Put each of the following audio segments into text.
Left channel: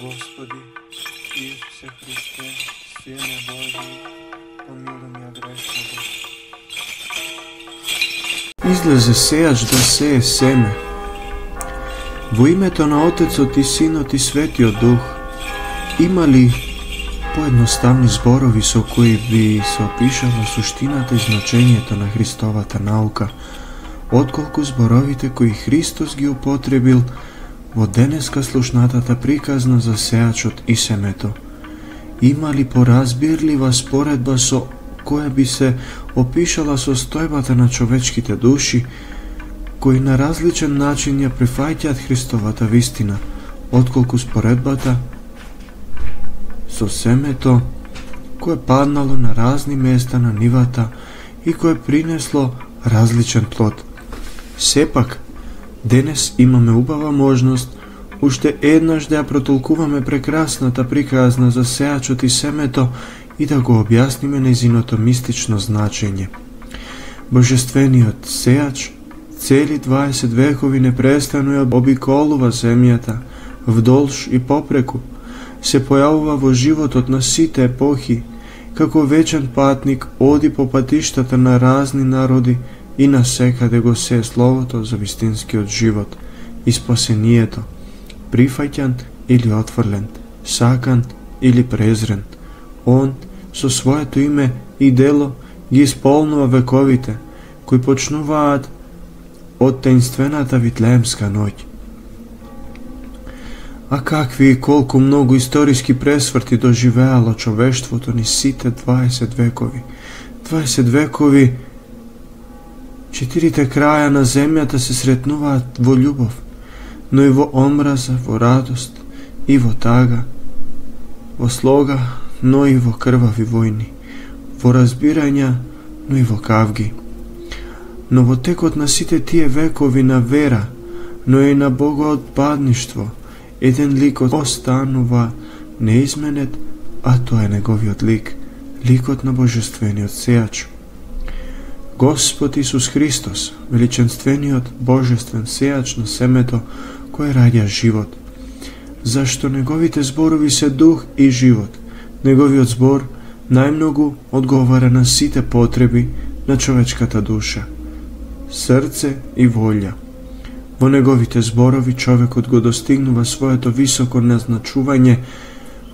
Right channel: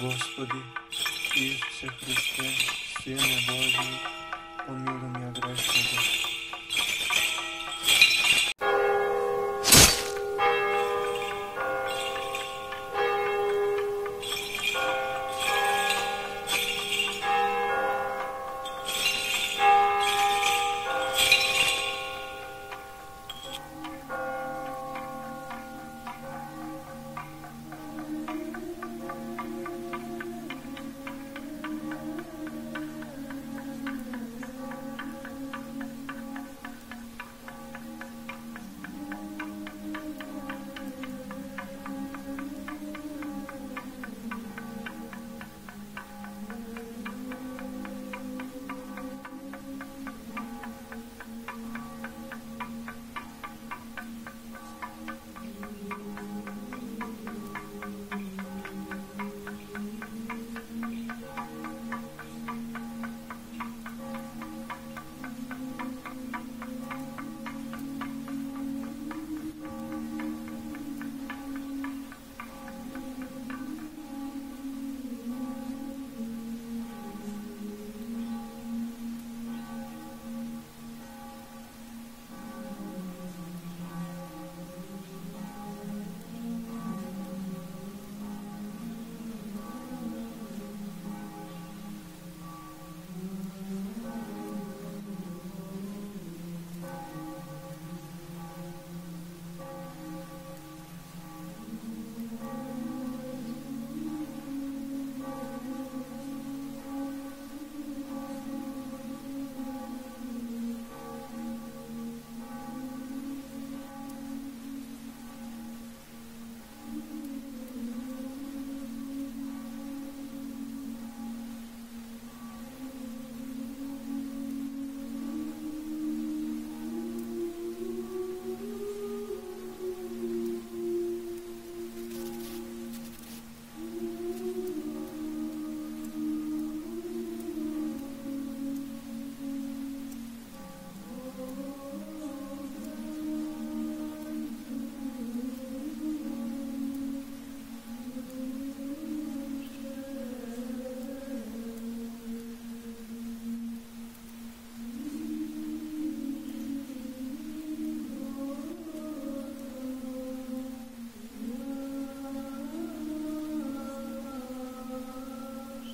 Господи, Исусе Христе, Сине Божи, помилуй ме грешного. Излезе сејач да сее семе. Во името на Отецот и Синот и Светиот Дух, има ли поедноставни зборови со кои ви се опишува суштината и значењето на Христовата наука, отколку зборовите кои Христос ги употребил во денеска слушнатата приказна за сејачот и семето? Има ли поразбирлива споредба со која би се опишала состојбата на човечките души, кои на различен начин ја прифаќаат Христовата вистина, отколку споредбата со семето кое паднало на разни места на нивата и кое принесло различен плод? Сепак, денес имаме убава можност уште еднаш да ја протолкуваме прекрасната приказна за сејачот и семето и да го објасниме нејзиното мистично значење. Божествениот сејач цели 20 векови непрестанно ја обиколува земјата вдолж и попреку, се појавува во животот на сите епохи, како вечен патник оди по патиштата на разни народи и насекаде го сее словото за вистинскиот живот и спасението, прифаќан или отфрлен, сакан или презрен. Он со своето име и дело ги исполнува вековите, кои почнуваат од таинствената Витлеемска ноќ. А какви и колку многу историски пресврти доживеало човештвото ни сите 20 векови. 20 векови, четирите краја на земјата се сретнуваат во љубов, но и во омраза, во радост и во тага, во слога, но и во крвави војни, во разбирања, но и во кавги. Но во текот на сите тие векови на вера, но и на богоотпадништво, еден лик останува неизменет, а тоа е неговиот лик, ликот на Божествениот сејач. Господ Исус Христос, величенствениот Божествен сејач на семето кое раѓа живот. Зашто неговите зборови се дух и живот, неговиот збор најмногу одговара на сите потреби на човечката душа, срце и волја. Во неговите зборови човекот го достигнува своето високо назначување,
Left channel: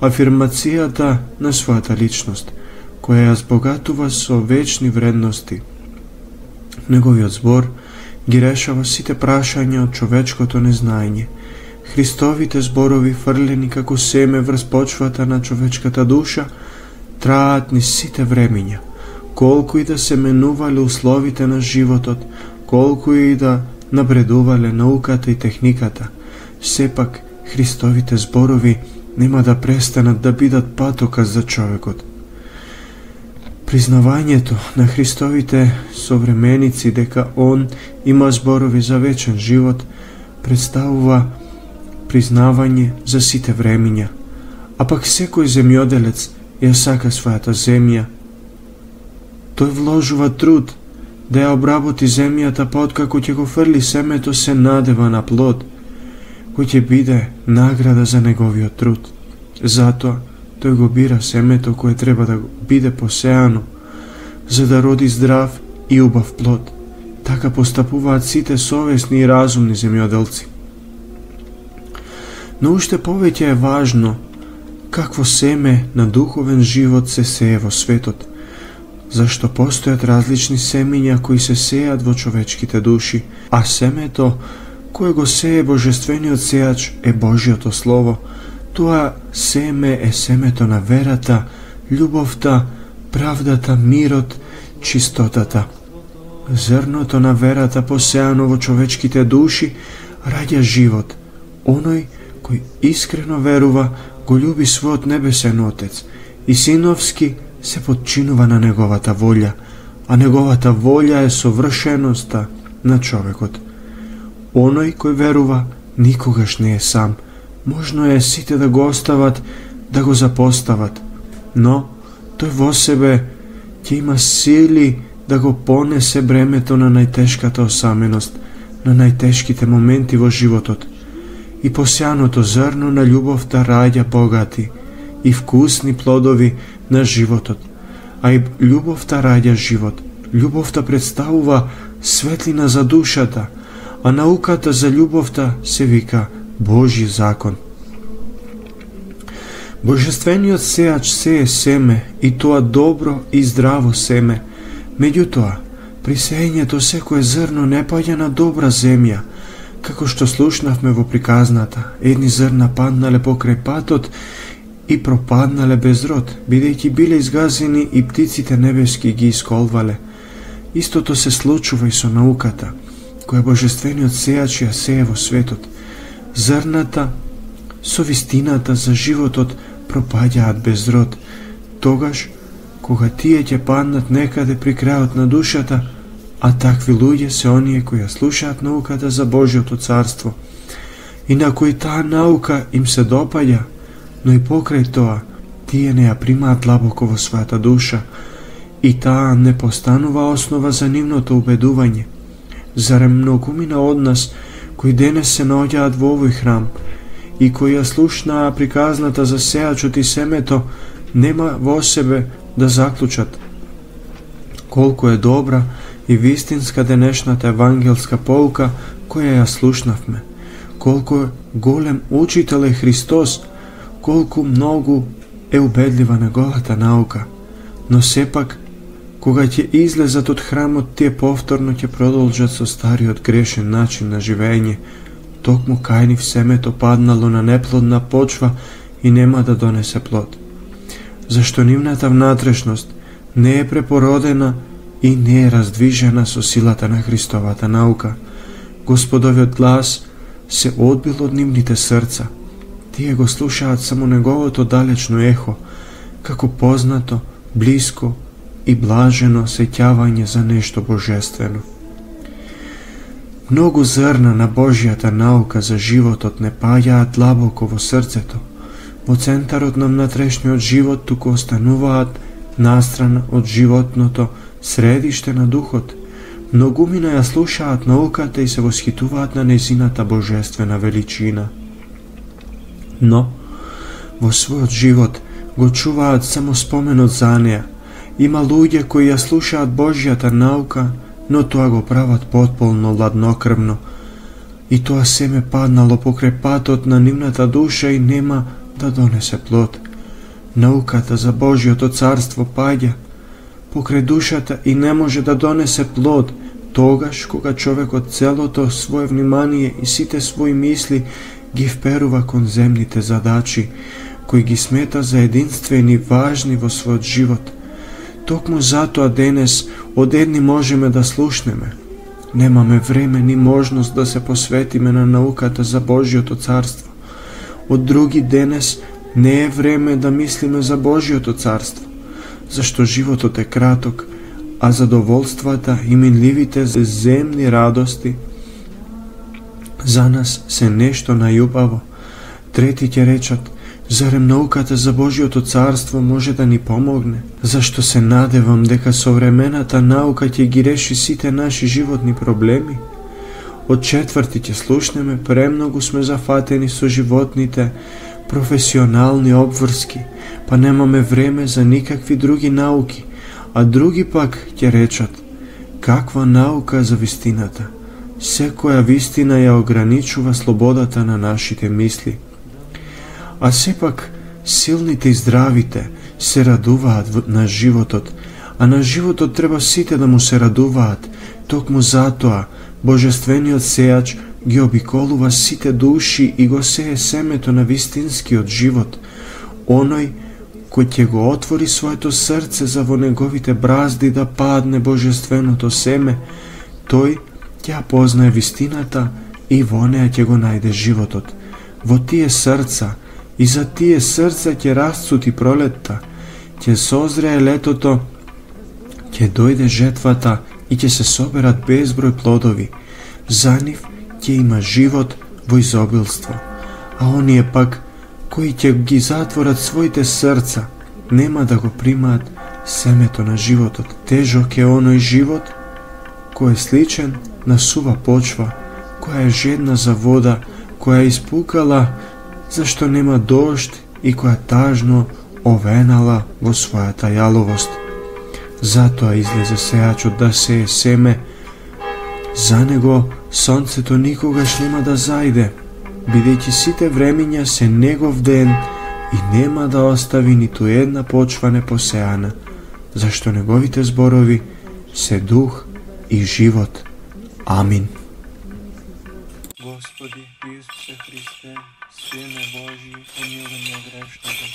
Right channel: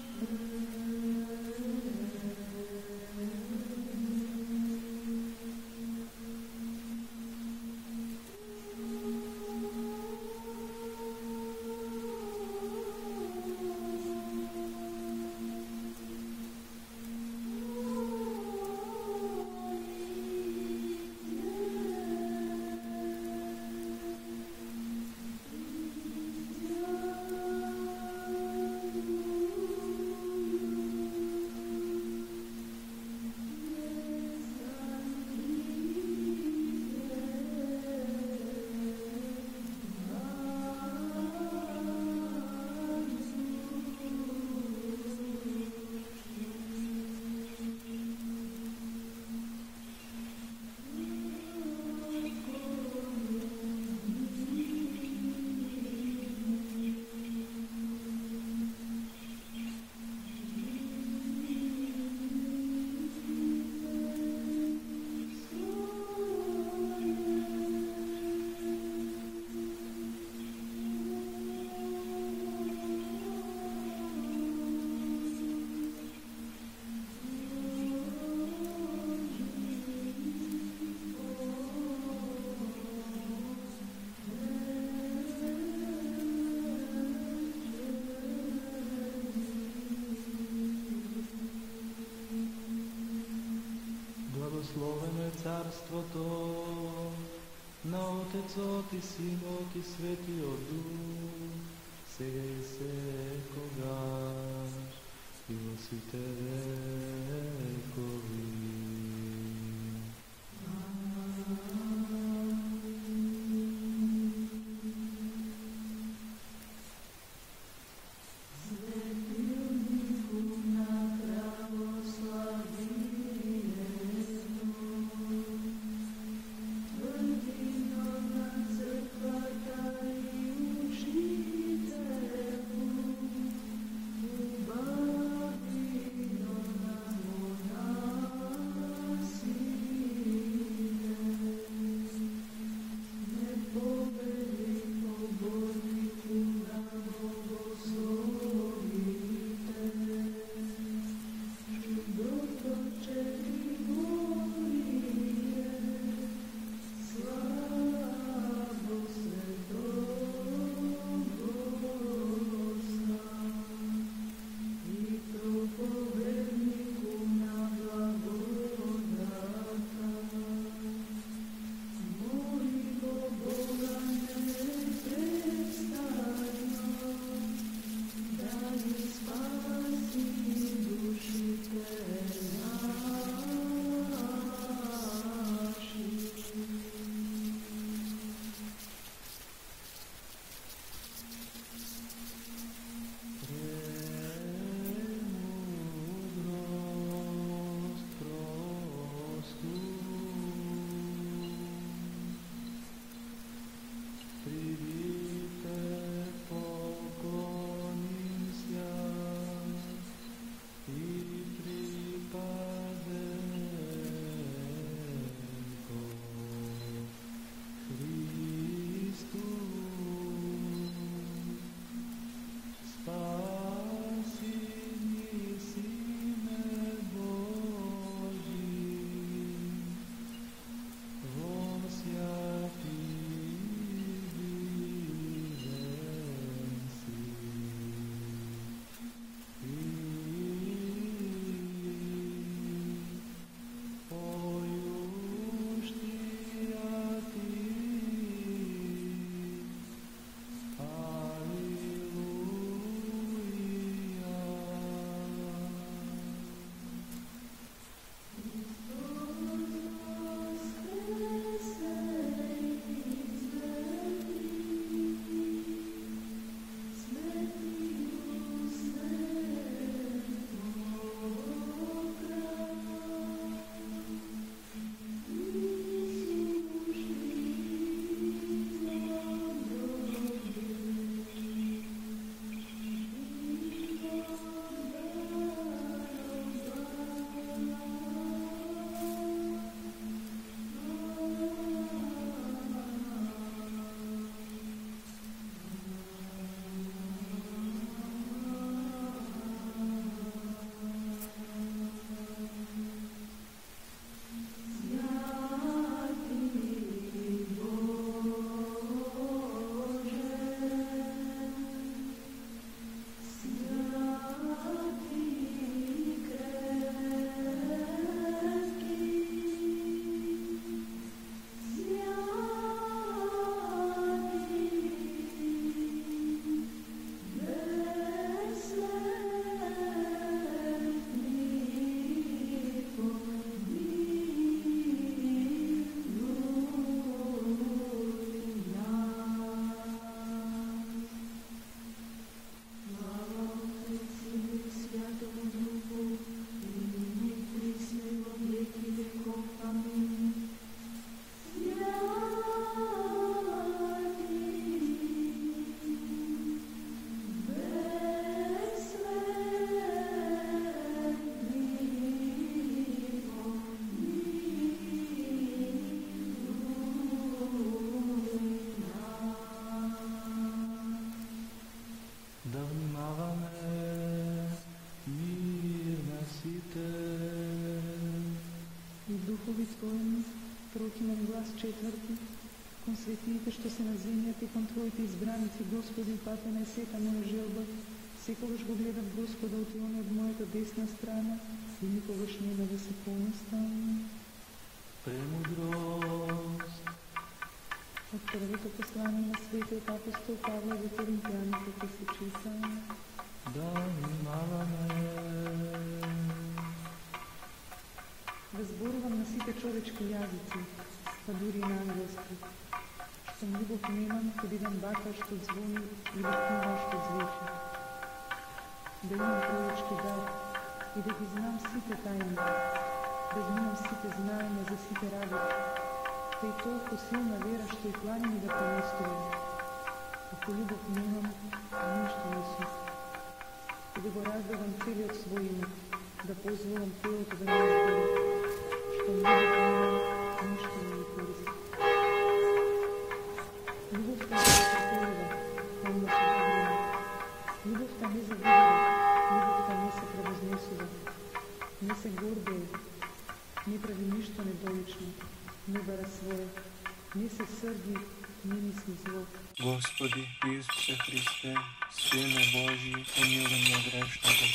афирмацијата на својата личност, која ја збогатува со вечни вредности. Неговиот збор ги решава сите прашања од човечкото незнаење. Христовите зборови, фрлени како семе врз почвата на човечката душа, траат низ сите времиња. Колку и да се менувале условите на животот, колку и да напредувале науката и техниката, сепак Христовите зборови нема да престанат да бидат патоказ за човекот. Признавањето на Христовите современици дека Он има зборови за вечен живот представува признавање за сите времиња, а пак секој земјоделец ја сака својата земја. Тој вложува труд да ја обработи земјата, па откако ќе го фрли семето се надева на плод, кој ќе биде награда за неговиот труд. Затоа тој го бира семето кое треба да биде посеано, за да роди здрав и убав плод. Така постапуваат сите совесни и разумни земјоделци. Но уште повеќе е важно какво семе на духовен живот се сее во светот, зашто постојат различни семиња кои се сејат во човечките души, а семето кое го сее Божествениот сејач е Божјото Слово. Тоа семе е семето на верата, љубовта, правдата, мирот, чистотата. Зрното на верата посеано во човечките души раѓа живот. Оној кој искрено верува го љуби својот небесен Отец и синовски се подчинува на неговата волја, а неговата волја е совршеноста на човекот. Оној кој верува никогаш не е сам. Можно е сите да го остават, да го запостават, но тој во себе ќе има сили да го понесе бремето на најтешката осаменост, на најтешките моменти во животот. и посеаното зрно на љубовта раѓа богати и вкусни плодови на животот, а и љубовта раѓа живот. Љубовта представува светлина за душата, а науката за љубовта се вика Божји закон. Божествениот сеач сее семе, и тоа добро и здраво семе. Меѓутоа, при сеењето секое зрно не паѓа на добра земја, како што слушнавме во приказната. Едни зрна паднале покрај патот и пропаднале без род, бидејќи биле изгазени и птиците небески ги исколвале. Истото се случува и со науката, која Божествениот сеач ја сее во светот. Зрната со вистината за животот пропаѓаат без род, тогаш кога тие ќе паднат некаде при крајот на душата, а такви луѓе се оние кои ја слушаат науката за Божјото царство и на кои таа наука им се допаѓа, но и покрај тоа тие не ја примаат длабоко во својата душа и таа не постанува основа за нивното убедување. Зарем многумина од нас кои денес се наоѓаат во овој храм и кои ја слушнаа приказната за сеачот и семето, нема во себе да заклучат колку е добра и вистинска денешната евангелска полка која ја слушнавме, колку е голем учител е Христос, колку многу е убедлива неговата наука. Но сепак, кога ќе излезат од храмот, тие повторно ќе продолжат со стариот грешен начин на живење. Токму кај нив семето паднало на неплодна почва и нема да донесе плод. Зашто нивната внатрешност не е препородена и не е раздвижена со силата на Христовата наука. Господовиот глас се одбил од нивните срца. Тие го слушаат само неговото далечно ехо, како познато, блиско и блажено сеќавање за нешто божествено. Многу зрна на Божјата наука за животот не паѓаат длабоко во срцето, во центарот на внатрешниот живот, туку остануваат настрана од животното средиште на духот. Многумина ја слушаат науката и се восхитуваат на нејзината божествена величина. Но, во својот живот го чуваат само споменот за неа. Има луѓе кои ја слушаат Божјата наука, но тоа го прават потполно ладнокрвно. И тоа семе паднало покрај патот на нивната душа и нема да донесе плод. Науката за Божјото царство паѓа покрај душата и не може да донесе плод, тогаш кога човекот целото свое внимание и сите своји мисли ги вперува кон земните задачи, кои ги смета за единствени важни во својот живот. Токму затоа денес од едни можеме да слушнеме. Немаме време ни можност да се посветиме на науката за Божјото царство. Од други денес не е време да мислиме за Божјото царство, зашто животот е краток, а задоволствата и минливите земни радости за нас се нешто најубаво. Трети ќе речат, зарем науката за Божјото царство може да ни помогне? Зашто се надевам дека современата наука ќе ги реши сите наши животни проблеми? Од четврти ќе слушнеме, премногу сме зафатени со животните професионални обврски, па немаме време за никакви други науки, а други пак ќе речат, каква наука за вистината? Секоја вистина ја ограничува слободата на нашите мисли. А сепак, силните и здравите се радуваат на животот, а на животот треба сите да му се радуваат. Токму затоа, Божествениот сеач ги обиколува сите души и го сее семето на вистинскиот живот. Оној кој ќе го отвори своето срце за во неговите бразди да падне Божественото семе, тој ќе познае вистината и во неа ќе го најде животот. Во тие срца и за тие срца ќе расцути пролетта, ќе созрее летото, ќе дојде жетвата и ќе се соберат безброј плодови. За нив ќе има живот во изобилство, а оние пак кои ќе ги затворат своите срца, нема да го примаат семето на животот. Тежок е оној живот кој е сличен на сува почва, која е жедна за вода, која испукала зашто нема дожд и која тажно овенала во својата јаловост. Затоа излезе сејачот да сее семе. За него сонцето никогаш нема да зајде, бидејќи сите времиња се негов ден и нема да остави ниту една почва непосејана, зашто неговите зборови се дух и живот. Амин. Господи Исусе Христе, Сине Божи, помилуј ме грешного.